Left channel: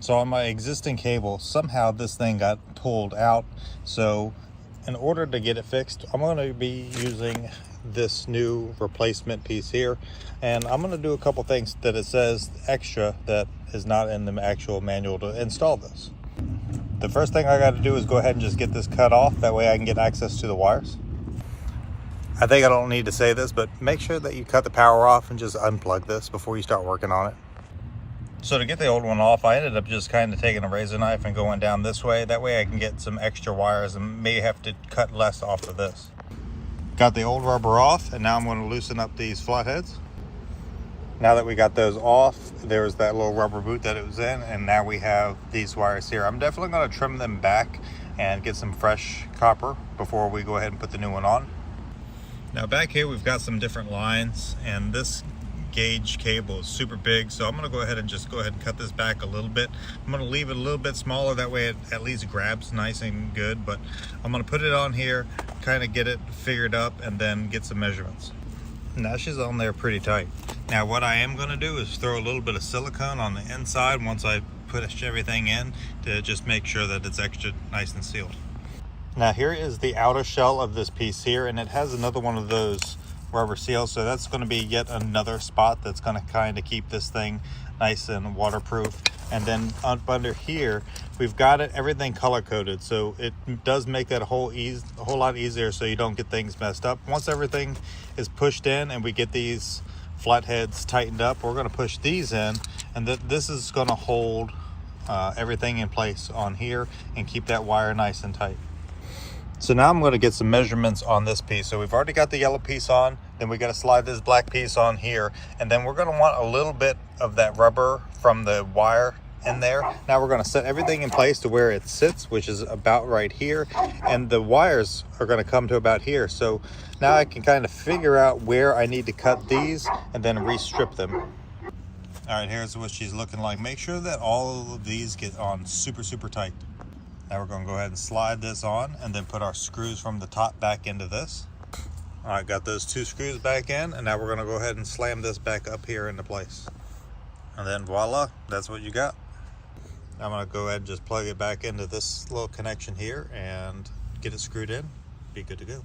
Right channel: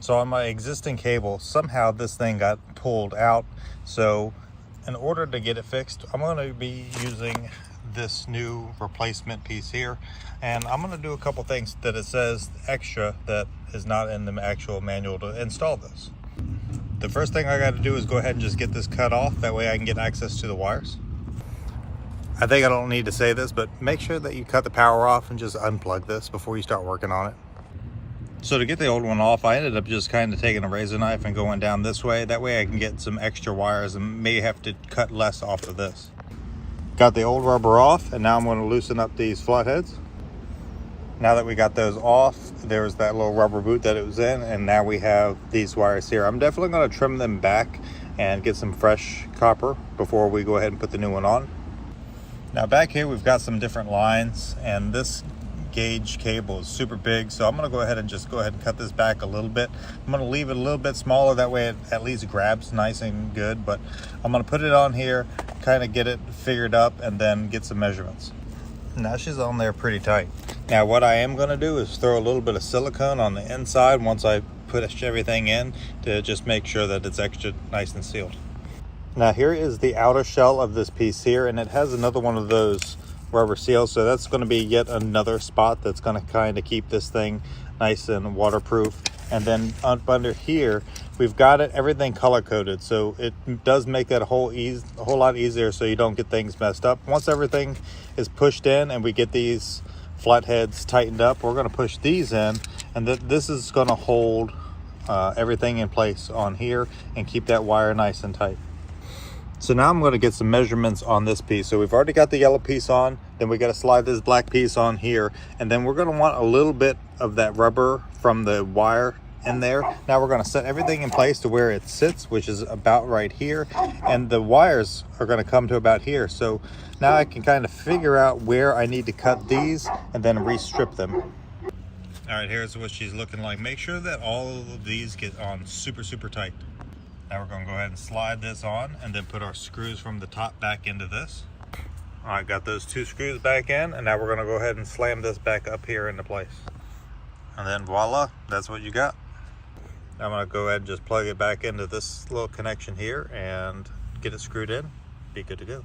So on my existing cable, somehow this thing got pulled out. So in order to get it fixed, I'm going to be using this new replacement piece here. And I'm going to do a couple things that it says extra that is not in the actual manual to install this. The first thing I got to do is go ahead and just get this cut off. That way I can get access to the wires. I think I don't need to say this, but make sure that you cut the power off and just unplug this before you start working on it. So to get the old one off, I ended up just kind of taking a razor knife and going down this way. That way I can get some extra wires and may have to cut less off of this. Got the old rubber off, and now I'm going to loosen up these flatheads. Now that we got those off, there's that little rubber boot that it was in, and now we have these wires here. I'm definitely going to trim them back and get some fresh copper before we go ahead and put the new one on. Now back here we've got some different lines, and this gauge cable is super big, so I'm going to go ahead and cut this back a little bit. I'm going to leave it a little bit smaller, that way it at least grabs nice and good, but I'm going to put it on here, kind of get it figured up, and then get some measurements. Now she's on there pretty tight. Now what I am going to do is throw a little bit of silicone on the inside once I put everything in, to just make sure that it's extra nice and sealed. Now here is the outer shell of this piece here, and it has another one of those rubber seals, so that's going to be yet another spot that's going to kind of keep this thing nice and waterproof. And then up under here we've got everything color coded, so it does make that a whole lot easier so you don't get things messed up. Once everything is pushed in and we get these flatheads tightened up, we're going to push these in, and this is going to hold everything in place on here and keep that wire nice and tight. So now I'm going to get some measurements on this piece. So we've already got the yellow piece on, then we got to slide this black piece on here, and then we're going to want a little bit of that rubber from the wire in there. Now we're going to set everything in place to where it sits, which is about right here, and the wires are going to come to about here. So now I can kind of figure out where I need to cut these and then restrip them. All right, here's what she's looking like. Make sure that all of these get on super tight. Now we're going to go ahead and slide this on and then put our screws from the top back into this. All right, got those 2 screws back in, and now we're going to go ahead and slam this back up here into place. And then voila, that's what you got. I'm going to go ahead and just plug it back into this little connection here and get it screwed in. Be good to go.